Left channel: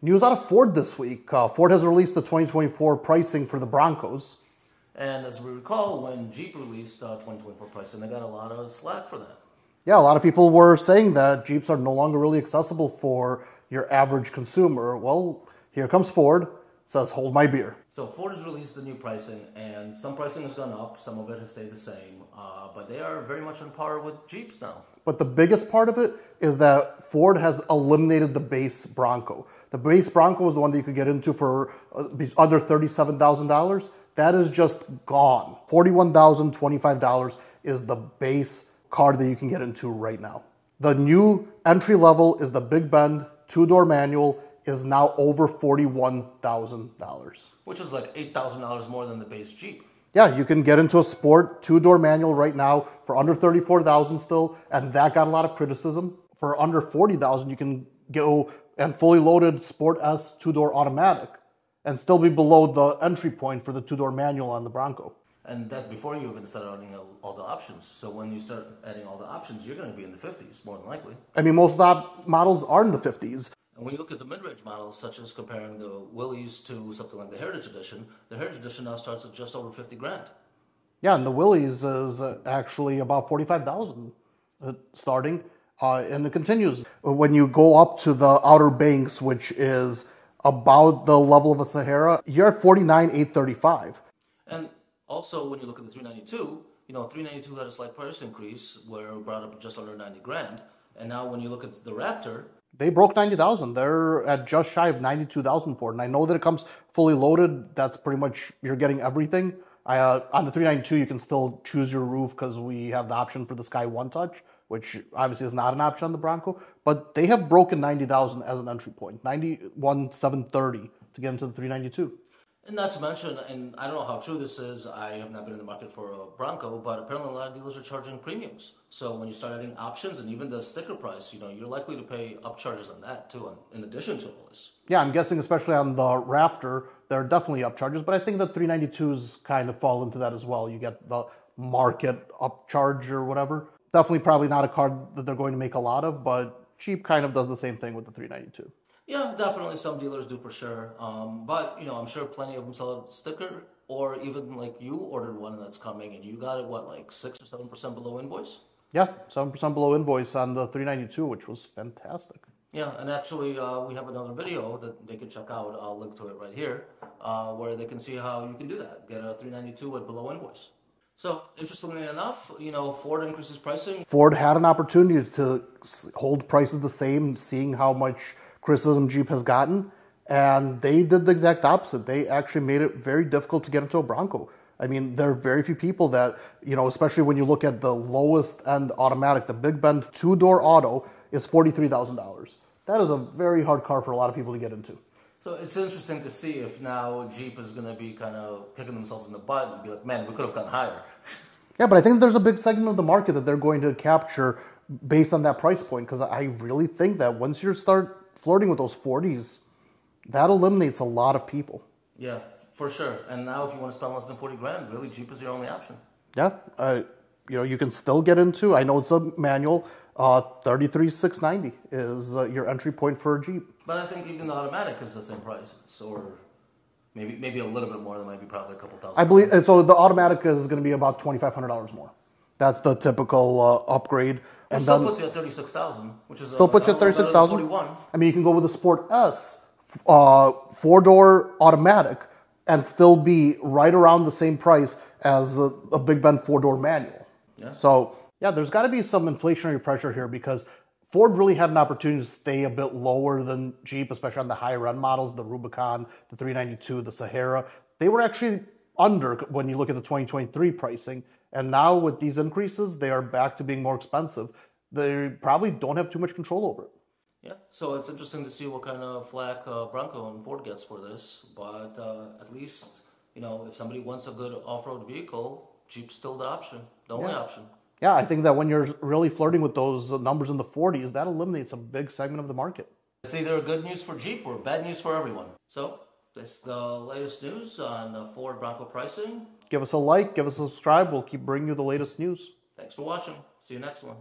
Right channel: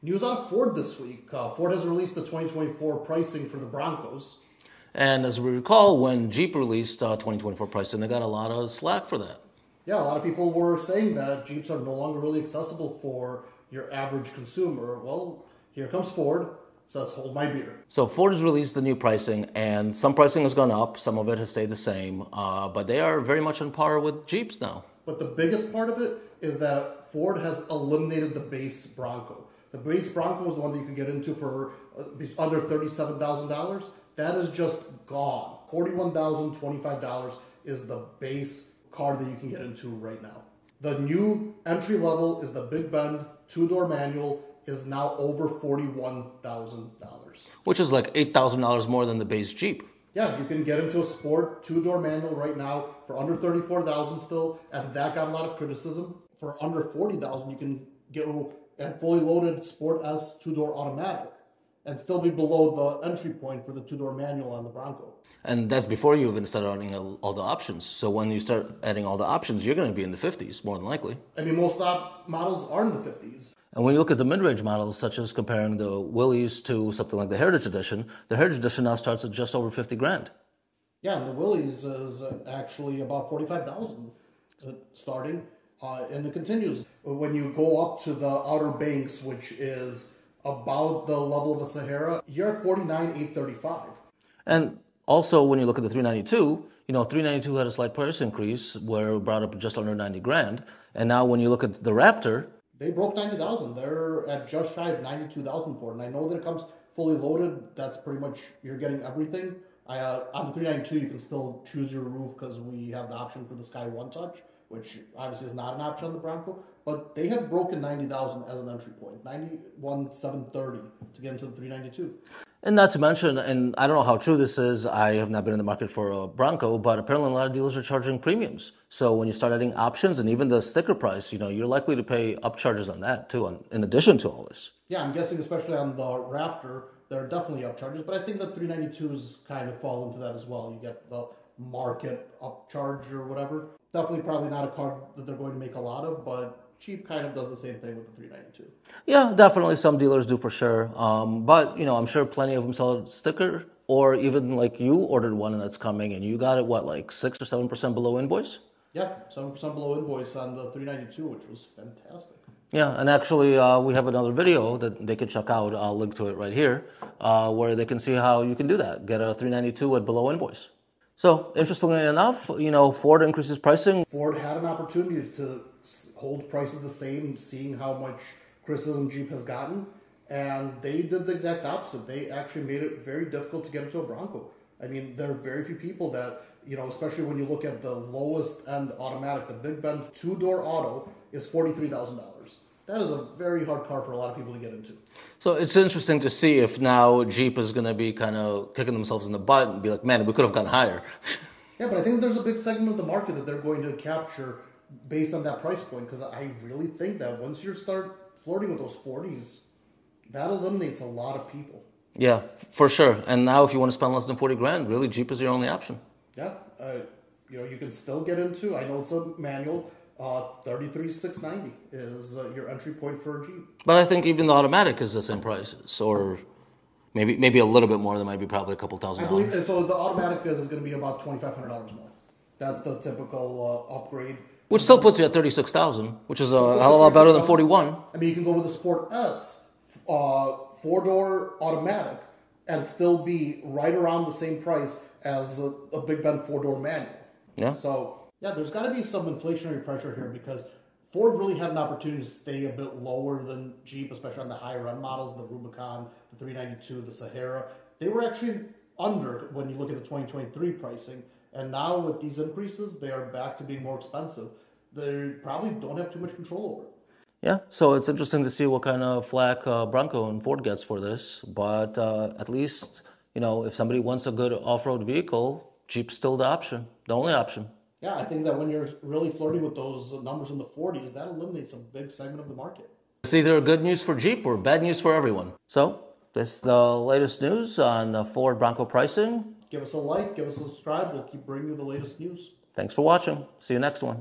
News out of Ford this week. Ford has released the 2024 pricing for the Broncos. And as we recall, when Jeep released 2024 pricing, they got a lot of slack for that. Yeah, a lot of people were saying that Jeeps are no longer really accessible for your average consumer. Well, here comes Ford, says hold my beer. So Ford has released the new pricing, and some pricing has gone up, some of it has stayed the same, but they are very much on par with Jeeps now. But the biggest part of it is that Ford has eliminated the base Bronco. The base Bronco is the one that you could get into for under $37,000. That is just gone. $41,025 is the base car that you can get into right now. The new entry level is the Big Bend 2-door manual, is now over $41,000. Which is like $8,000 more than the base Jeep. Yeah, you can get into a sport 2-door manual right now for under $34,000 still, and that got a lot of criticism. For under $40,000, you can go and fully loaded Sport S 2-door automatic and still be below the entry point for the 2-door manual on the Bronco. And that's before you even start adding all the options. So when you start adding all the options, you're going to be in the 50s, more than likely. I mean, most of the models are in the 50s. And when you look at the mid-range models, such as comparing the Willys to something like the Heritage Edition now starts at just over 50 grand. Yeah, and the Willys is actually about 45,000 starting, and it continues. When you go up to the Outer Banks, which is about the level of a Sahara, you're at 49,835. And also, when you look at the 392, 392 had a slight price increase where it brought up just under 90 grand. And now when you look at the Raptor, they broke 90,000. They're at just shy of 92,000 for it. And I know that it comes fully loaded. That's pretty much, you're getting everything. On the 392, you can still choose your roof because we have the option for the Sky One Touch, which obviously is not an option on the Bronco. But they have broken 90,000 as an entry point, 91,730 to get into the 392. And not to mention, and I don't know how true this is, I have not been in the market for a Bronco, but apparently a lot of dealers are charging premiums. So when you start adding options and even the sticker price, you're likely to pay upcharges on that too, in addition to all this. Yeah, I'm guessing especially on the Raptor, there are definitely upcharges, but I think the 392s kind of fall into that as well. You get the market upcharge or whatever. Definitely probably not a car that they're going to make a lot of, but Jeep kind of does the same thing with the 392. Yeah, definitely some dealers do for sure. But, I'm sure plenty of them sell a sticker, or even like you ordered one and that's coming and you got it, what, like 6 or 7% below invoice? Yeah, 7% below invoice on the 392, which was fantastic. Yeah, and actually we have another video that they could check out. I'll link to it right here, where they can see how you can do that. Get a 392 at below invoice. So, interestingly enough, Ford increases pricing. Ford had an opportunity to hold prices the same, seeing how much criticism Jeep has gotten, and they did the exact opposite. They actually made it very difficult to get into a Bronco. I mean, there are very few people that, especially when you look at the lowest end automatic, the Big Bend 2-door auto is $43,000. That is a very hard car for a lot of people to get into. So it's interesting to see if now Jeep is going to be kind of kicking themselves in the butt and be like, man, we could have gone higher. Yeah, but I think there's a big segment of the market that they're going to capture based on that price point, because I really think that once you start flirting with those 40s, that eliminates a lot of people. Yeah, for sure. And now if you want to spend less than 40 grand, really Jeep is your only option. Yeah, you can still get into, I know it's a manual, 33,690 is your entry point for a Jeep. But I think even the automatic is the same prices, or maybe a little bit more. There might be probably a couple $1,000. I believe, so the automatic is going to be about $2,500 more. That's the typical upgrade. Which still puts you at 36,000, which is a hell of a lot better than 41. I mean, you can go with the Sport S, 4-door automatic, and still be right around the same price as a Big Bend 4-door manual. Yeah. So, yeah, there's got to be some inflationary pressure here because Ford really had an opportunity to stay a bit lower than Jeep, especially on the higher end models, the Rubicon, the 392, the Sahara. They were actually under when you look at the 2023 pricing. And now with these increases, they are back to being more expensive. They probably don't have too much control over it. Yeah, so it's interesting to see what kind of flack Bronco and Ford gets for this. But at least, if somebody wants a good off-road vehicle, Jeep's still the option, the only option. Yeah, I think that when you're really flirting with those numbers in the 40s, that eliminates a big segment of the market. It's either good news for Jeep or bad news for everyone. So, this is the latest news on Ford Bronco pricing. Give us a like, give us a subscribe. We'll keep bringing you the latest news. Thanks for watching. See you next one.